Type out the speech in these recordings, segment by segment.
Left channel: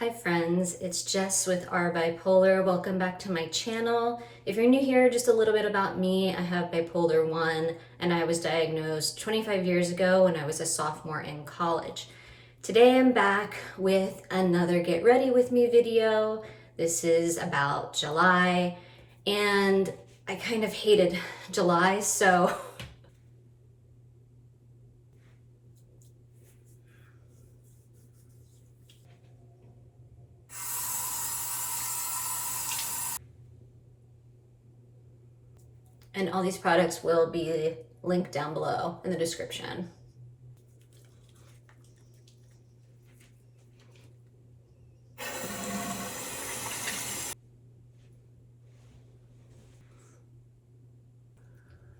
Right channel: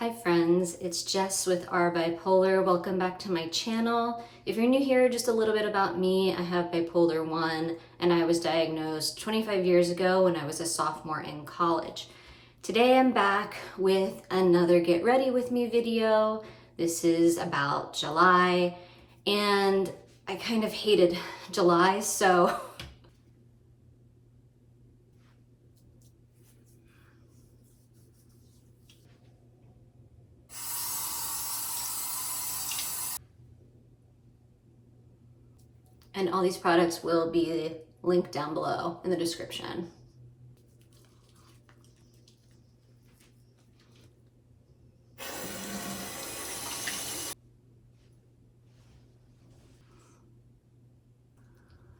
Hi friends, it's Jess with Our Bipolar. Welcome back to my channel. If you're new here, just a little bit about me. I have bipolar 1 and I was diagnosed 25 years ago when I was a sophomore in college. Today I'm back with another Get Ready With Me video. This is about July and I kind of hated July, so and all these products will be linked down below in the description.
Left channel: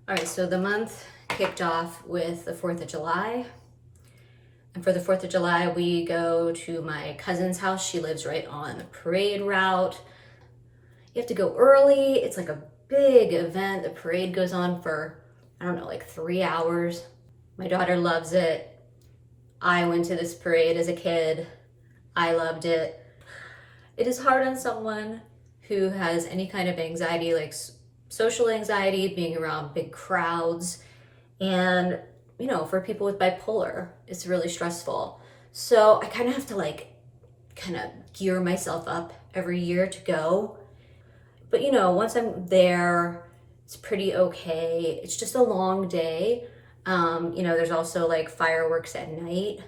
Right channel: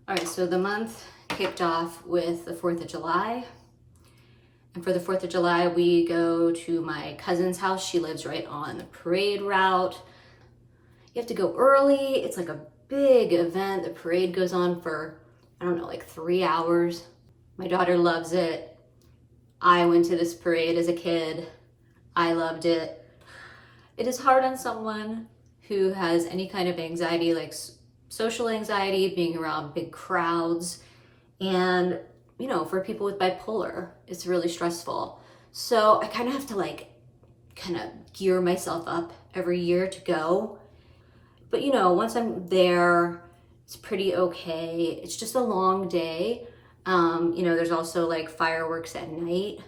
All right, so the month kicked off with the 4th of July. And for the 4th of July, we go to my cousin's house. She lives right on the parade route. You have to go early. It's like a big event. The parade goes on for, I don't know, like 3 hours. My daughter loves it. I went to this parade as a kid. I loved it. It is hard on someone who has any kind of anxiety, like social anxiety, being around big crowds. And, you know, for people with bipolar, it's really stressful. So I kind of have to kind of gear myself up every year to go. But you know, once I'm there, it's pretty okay. It's just a long day. You know, there's also like fireworks at night.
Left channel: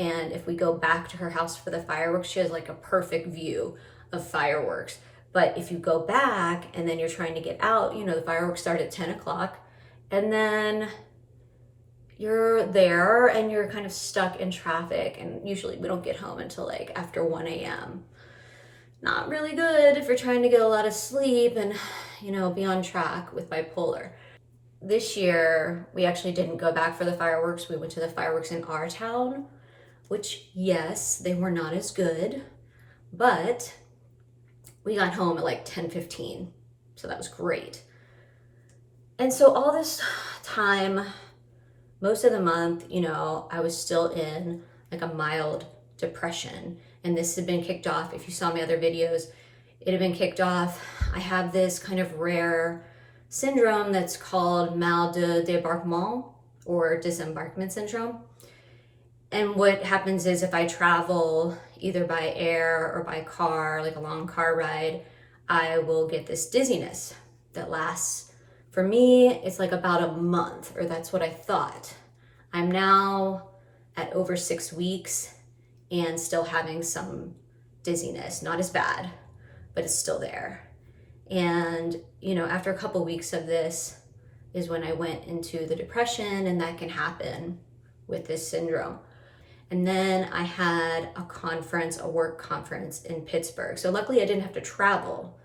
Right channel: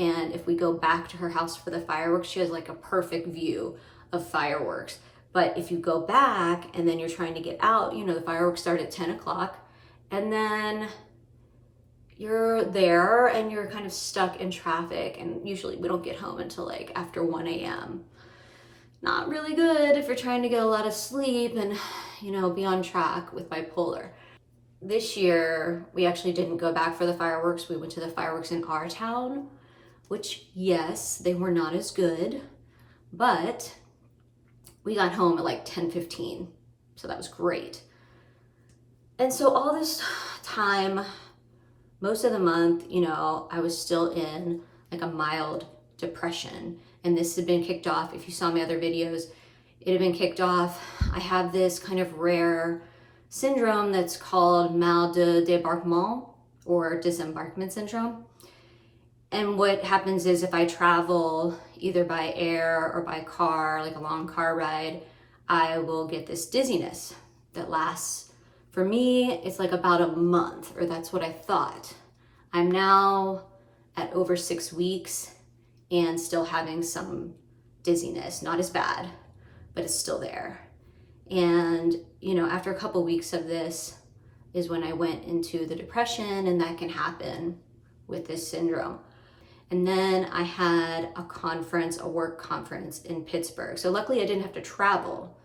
And if we go back to her house for the fireworks, she has like a perfect view of fireworks. But if you go back and then you're trying to get out, you know, the fireworks start at 10 o'clock and then you're there and you're kind of stuck in traffic. And usually we don't get home until like after 1 a.m. Not really good if you're trying to get a lot of sleep and, you know, be on track with bipolar. This year, we actually didn't go back for the fireworks. We went to the fireworks in our town, which, yes, they were not as good, but we got home at like 10:15, so that was great. And so all this time, most of the month, you know, I was still in like a mild depression. And this had been kicked off. If you saw my other videos, it had been kicked off. I have this kind of rare syndrome that's called mal de débarquement or disembarkment syndrome. And what happens is if I travel either by air or by car, like a long car ride, I will get this dizziness that lasts, for me, it's like about a month, or that's what I thought. I'm now at over 6 weeks and still having some dizziness, not as bad, but it's still there. And, you know, after a couple weeks of this is when I went into the depression, and that can happen with this syndrome. And then I had a conference, a work conference in Pittsburgh. So luckily I didn't have to travel,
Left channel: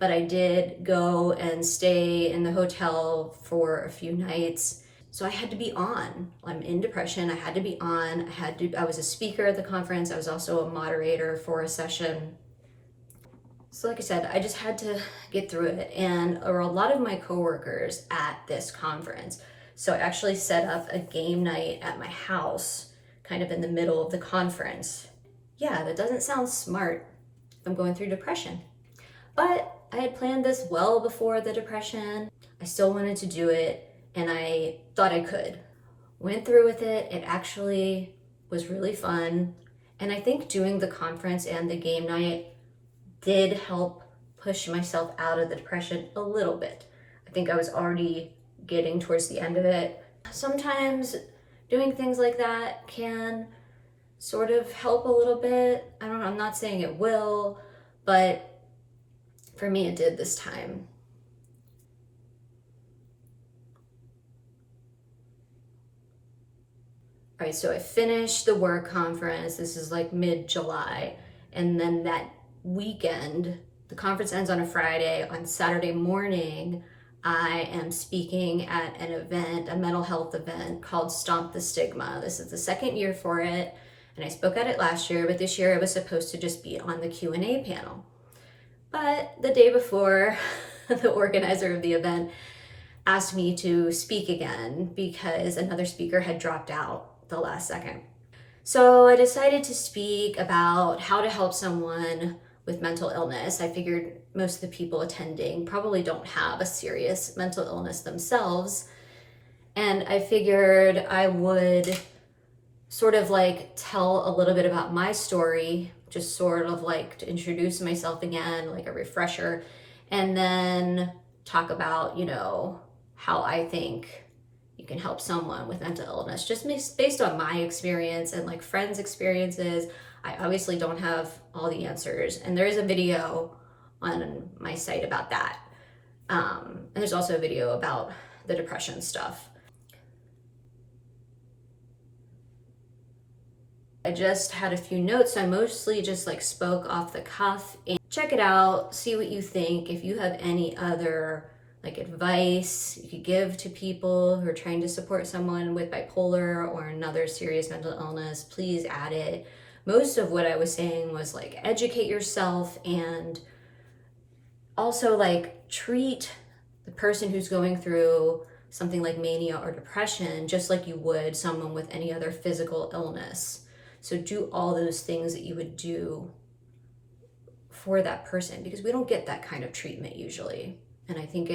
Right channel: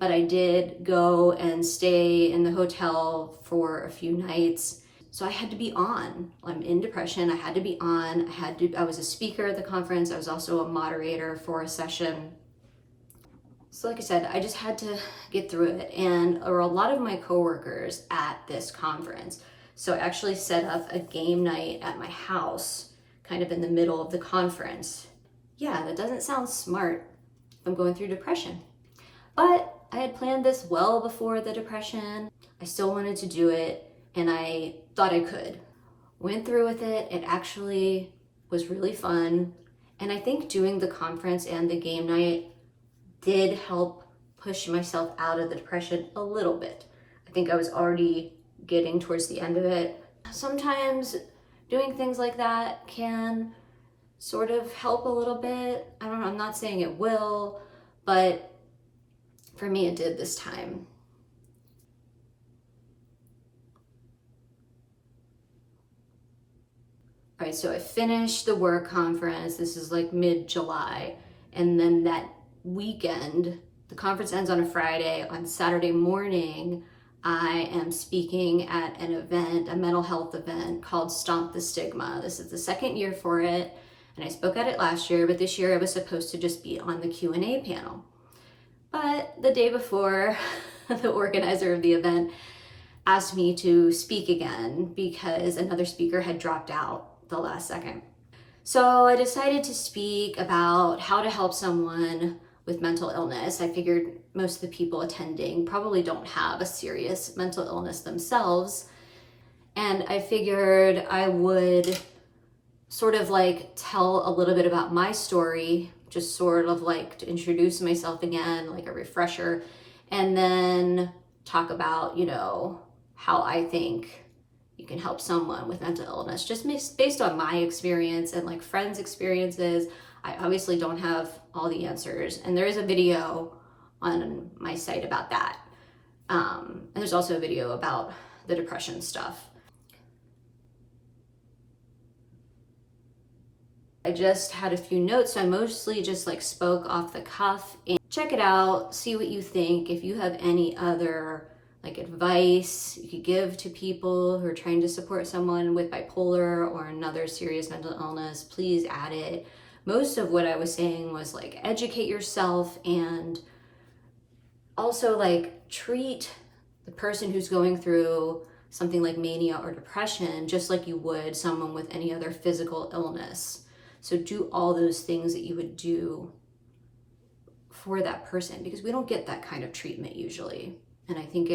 but I did go and stay in the hotel for a few nights. So I had to be on. I'm in depression. I had to be on. I was a speaker at the conference. I was also a moderator for a session. So like I said, I just had to get through it. And there were a lot of my coworkers at this conference. So I actually set up a game night at my house, kind of in the middle of the conference. Yeah, that doesn't sound smart. I'm going through depression. But I had planned this well before the depression. I still wanted to do it. And I thought I could. Went through with it. It actually was really fun. And I think doing the conference and the game night did help push myself out of the depression a little bit. I think I was already getting towards the end of it. Sometimes doing things like that can sort of help a little bit. I don't know, I'm not saying it will, but for me it did this time. All right, so I finished the work conference. This is like mid-July. And then that weekend, the conference ends on a Friday. On Saturday morning, I am speaking at an event, a mental health event called Stomp the Stigma. This is the second year for it. And I spoke at it last year, but this year I was supposed to just be on the Q&A panel. But the day before, the organizer of the event asked me to speak again because another speaker had dropped out the last second. So I decided to speak about how to help someone with mental illness. I figured most of the people attending probably don't have a serious mental illness themselves. And I figured I would sort of like tell a little bit about my story, just sort of like to introduce myself again, like a refresher, and then talk about, how I think you can help someone with mental illness, just based on my experience and like friends' experiences. I obviously don't have all the answers, and there is a video on my site about that. And there's also a video about the depression stuff. I just had a few notes, so I mostly just like spoke off the cuff. And check it out, see what you think. If you have any other like advice you could give to people who are trying to support someone with bipolar or another serious mental illness, please add it. Most of what I was saying was like educate yourself, and also like treat the person who's going through something like mania or depression just like you would someone with any other physical illness. So do all those things that you would do for that person, because we don't get that kind of treatment usually. And I think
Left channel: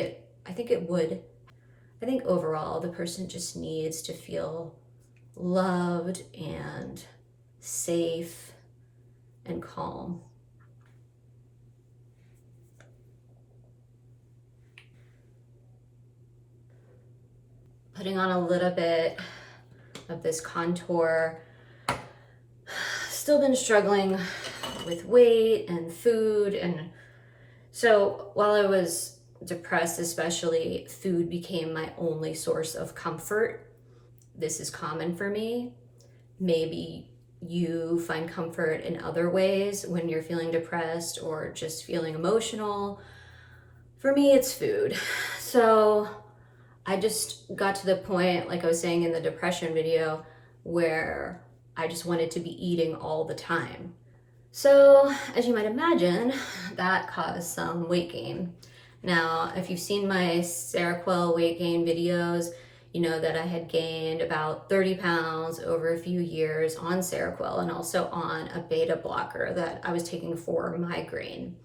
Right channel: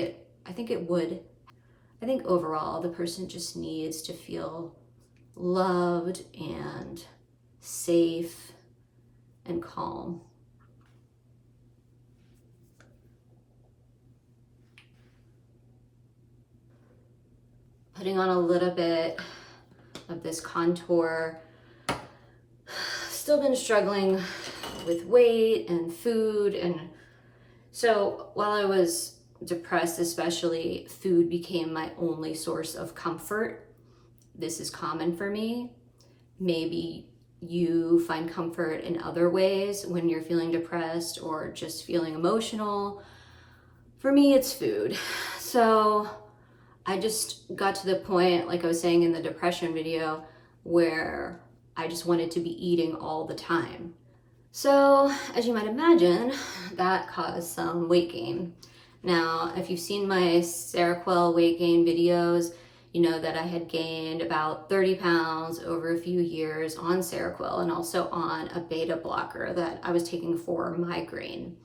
overall the person just needs to feel loved and safe and calm. Putting on a little bit of this contour. Still been struggling with weight and food, and so while I was depressed especially, food became my only source of comfort. This is common for me. Maybe you find comfort in other ways when you're feeling depressed or just feeling emotional. For me, it's food. So I just got to the point, like I was saying in the depression video, where I just wanted to be eating all the time. So as you might imagine, that caused some weight gain. Now, if you've seen my Seroquel weight gain videos, you know that I had gained about 30 pounds over a few years on Seroquel, and also on a beta blocker that I was taking for migraine.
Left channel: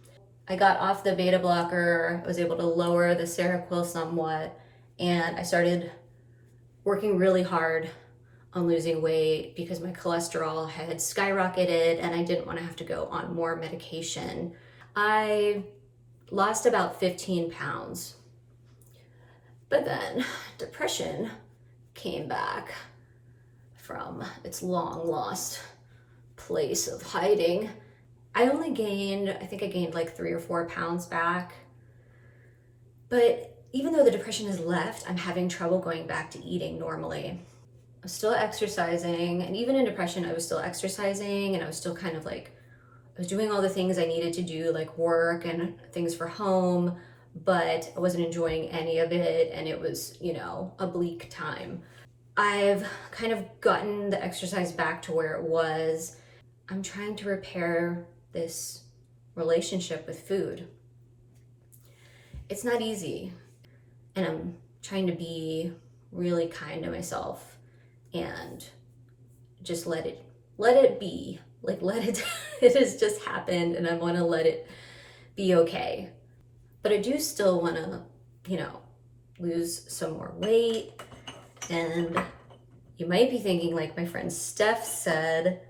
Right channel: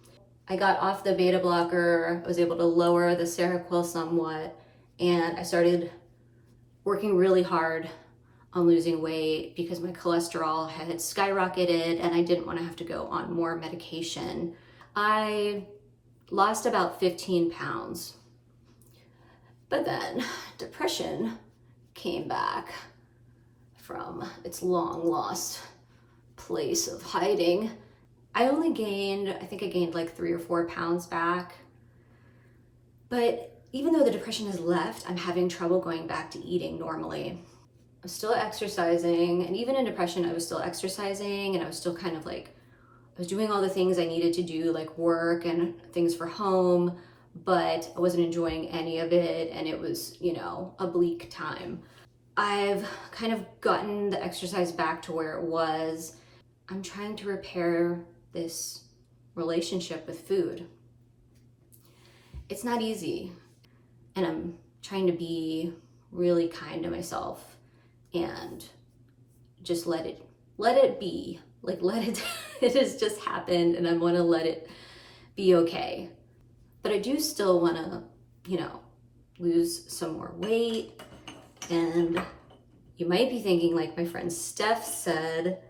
I got off the beta blocker, I was able to lower the Seroquel somewhat, and I started working really hard on losing weight because my cholesterol had skyrocketed and I didn't want to have to go on more medication. I lost about 15 pounds. But then depression came back from its long lost place of hiding. I think I gained like 3 or 4 pounds back. But even though the depression has left, I'm having trouble going back to eating normally. I'm still exercising, and even in depression, I was still exercising, and I was still kind of like, I was doing all the things I needed to do, like work and things for home, but I wasn't enjoying any of it, and it was, a bleak time. I've kind of gotten the exercise back to where it was. I'm trying to repair this relationship with food. It's not easy, and I'm trying to be really kind to myself and just let it be. Like, it has just happened, and I want to let it be okay. But I do still want to, lose some more weight. And you might be thinking, like my friend Steph said,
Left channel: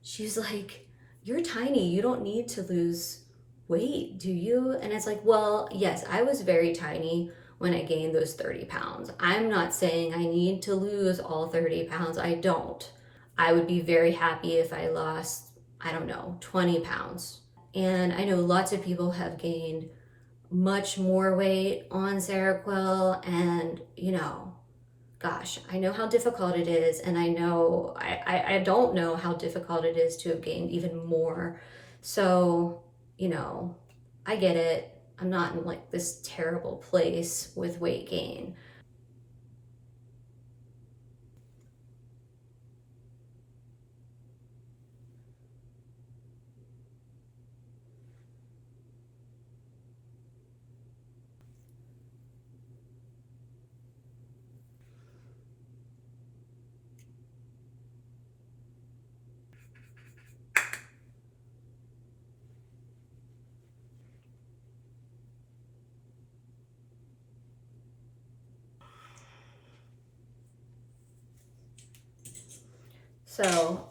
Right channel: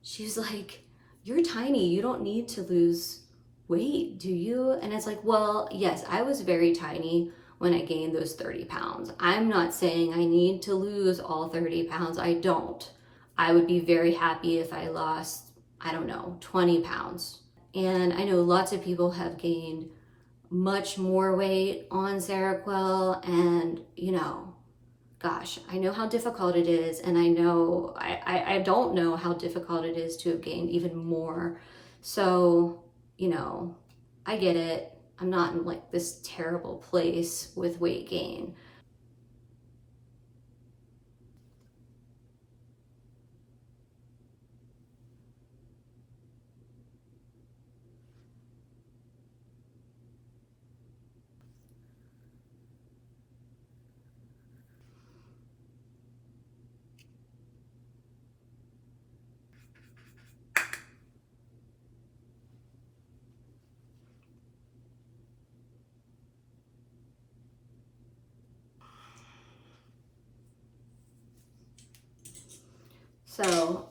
she's like, you're tiny, you don't need to lose weight, do you? And it's like, well, yes, I was very tiny when I gained those 30 pounds. I'm not saying I need to lose all 30 pounds. I don't. I would be very happy if I lost, 20 pounds. And I know lots of people have gained much more weight on Seroquel, and gosh, I know how difficult it is, and I know I don't know how difficult it is to have gained even more. So, I get it. I'm not in like this terrible place with weight gain. So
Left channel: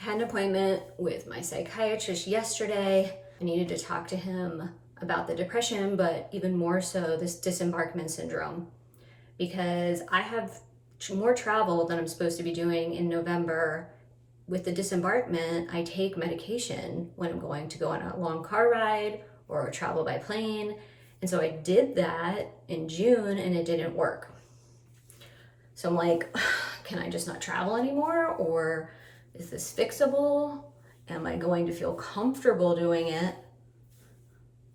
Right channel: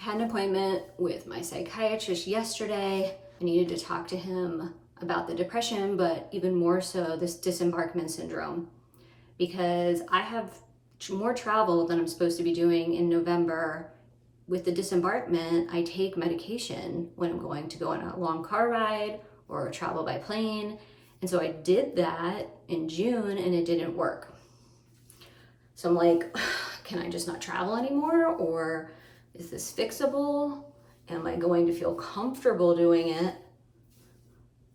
I had an appointment with my psychiatrist yesterday. I needed to talk to him about the depression, but even more so this disembarkment syndrome, because I have more travel than I'm supposed to be doing in November. With the disembarkment, I take medication when I'm going to go on a long car ride or travel by plane. And so I did that in June and it didn't work. So I'm like, can I just not travel anymore? Or is this fixable? Am I going to feel comfortable doing it?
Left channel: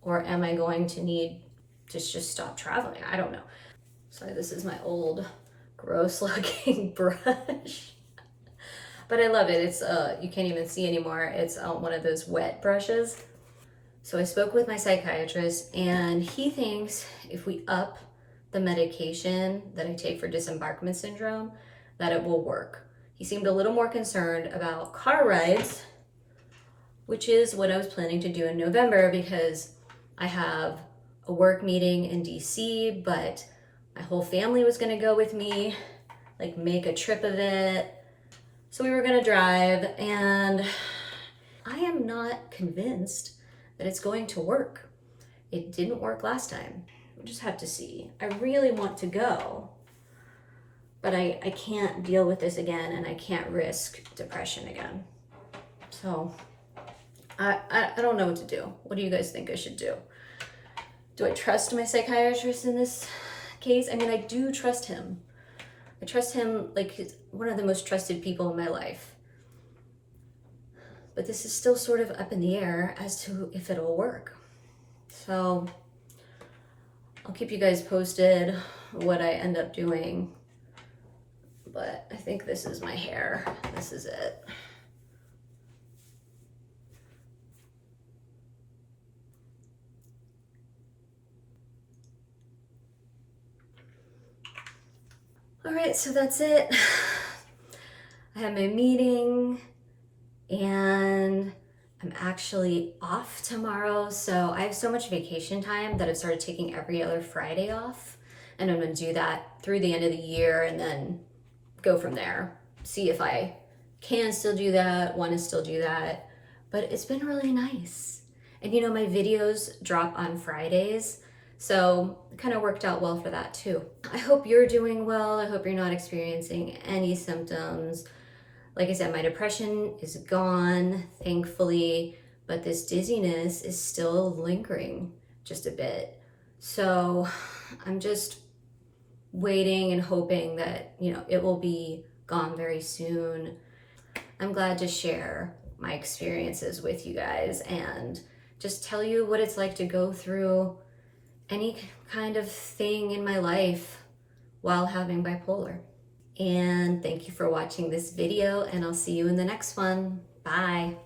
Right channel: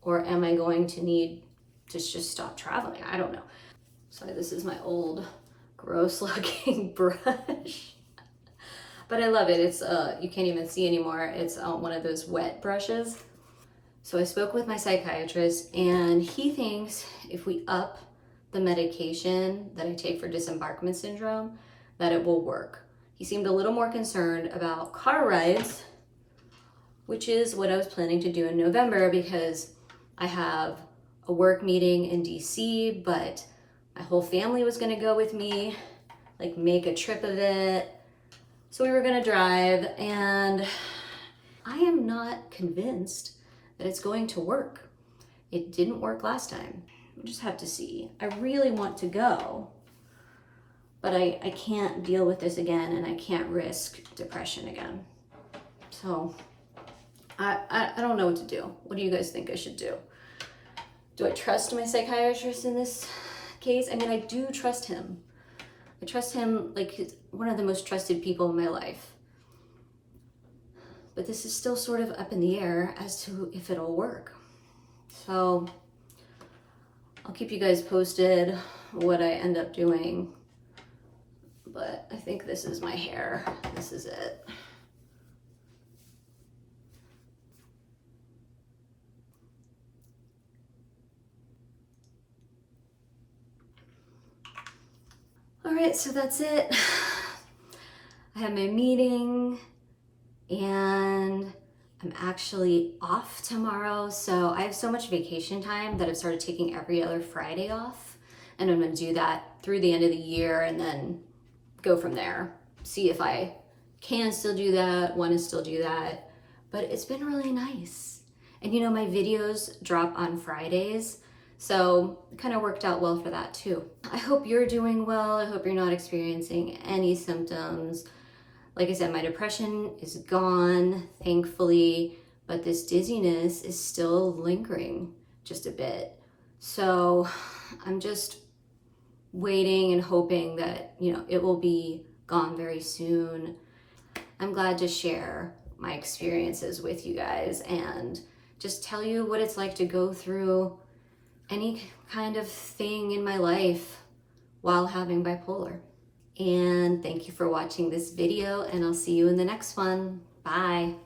Or am I going to need to just stop traveling? I don't know. Sorry, this is my old gross looking brush. But I love it. It's, you can't even see anymore. It's one of those wet brushes. So I spoke with my psychiatrist and he thinks if we up the medication that I take for disembarkment syndrome, that it will work. He seemed a little more concerned about car rides, which is what I was planning to do in November because I have a work meeting in DC, but my whole family was gonna go with me, like make a trip of it. So we were gonna drive, and I am not convinced that it's going to work. It didn't work last time. We'll just have to see. I really want to go, but I can't deal with this again, and I can't risk depression again. So I don't know what to do. What do you guys think I should do? Do I trust my psychiatrist in this case? I mean, I do trust him. I trust him like he's one of the most trusted people in my life. But this is still sort of up in the air as to if it'll work. So I'll keep you guys posted what I end up doing. But I think this is my hair. This is it. All right, so that's it. I had my meeting and I'm actually off tomorrow. So I have so much vacation time that I've started taking every other Friday off. And I'm gonna do that through the end of the year and then go from there. See if I can still do that, want to still do that. But it's been really nice. And you know, my videos drop on Fridays. So it kind of worked out well for that too. I hope you're doing well. I hope you're not experiencing any symptoms. Like I said, my depression is gone, thankfully, but this dizziness is still lingering just a bit. So I'm just waiting and hoping that, you know, it will be gone very soon. I'm glad to share my experiences with you guys and just tell you what it's like to go through any kind of thing in my life while having bipolar. And thank you for watching this video, and I'll see you in the next one. Bye.